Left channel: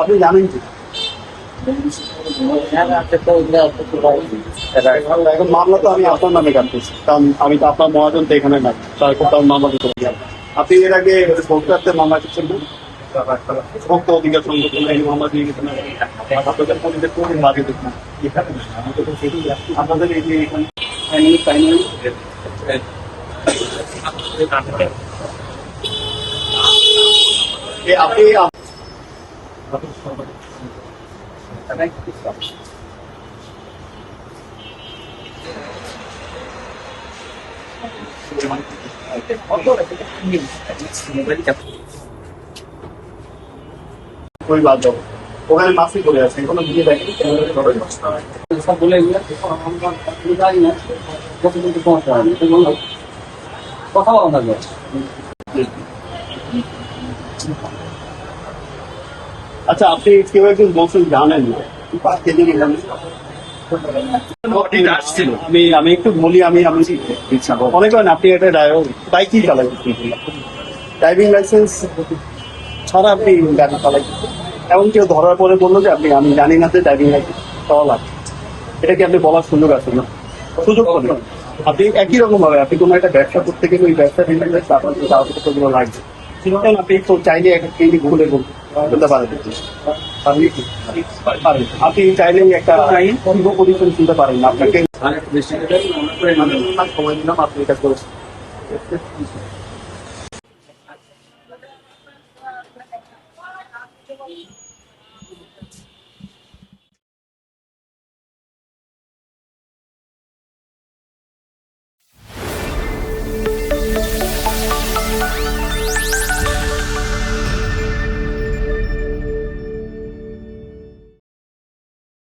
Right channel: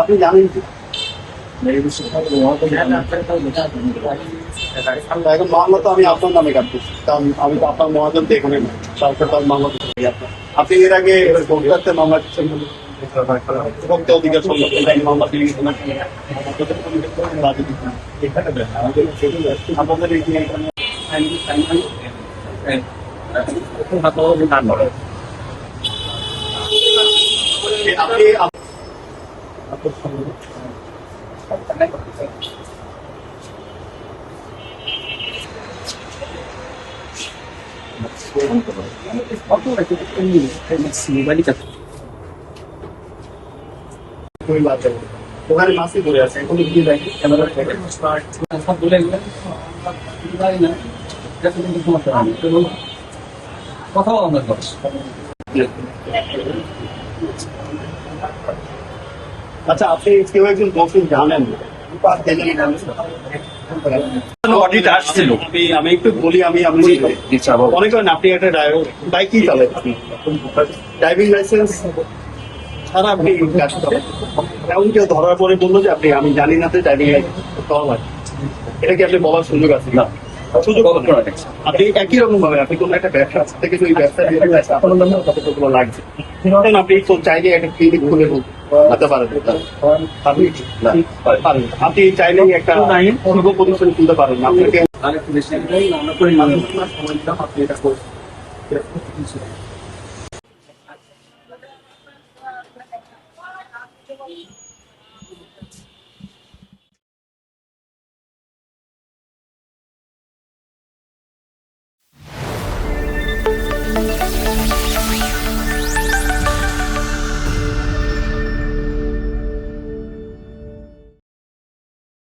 আপনি জানেন কি এখন মামলা তো আমি আপনার নামে কাটতেছি, কারণ আমি তো আপনার মহাজন তো এখানে নাই, তারপর তো মামলা দিতে পারি আপনার। আপনি এর আগে ভোক্তাতে মামলা দিচ্ছেন না, ভোক্তা অধিকার সংরক্ষণ আইনে মামলা দিয়ে গেছেন আপনাদের কমিটির কোনো বাদে দিচ্ছেন আপনাদের এই যে এখানে আপনি कोई बात नहीं ওখানে মাসি করে আছে কোনো ভিডিও দেখি ক্যামেরা করে সব বলে এগুলো আমি জানি না যাতে কিন্তু সমস্যা হয় কথা বলা না আচ্ছা আপনি কেউ একজন বলছেন জানেন না আমি একটু বলি আমি মনে করেন আপনি একটা বাইকই চালাচ্ছেন, ড্রাইভিং লাইসেন্স ছাড়া আপনি গাড়ি চালাচ্ছেন, এমন কেউ ধরার পরে বললো যে আমি জানি না যে ড্রাইভিং লাইসেন্স পাওয়া লাগে, এটা কি আপনি বলার সুযোগ আছে? না, সুযোগ আপনি একই রকম ভাবে আপনি কোনো একটা ব্যবসা করতে গেলে ওই ব্যবসা কাগজপত্রগুলো লাগছে, কারণ আপনি তো চাইলে একটা ক্লিনিক খুলে বলতে পারেন, আপনি চাইলেই একটা পূর্ব পজিশন তুলতে পারেন, আপনাকে সময় দিলাম আপনি এটা করেছেন।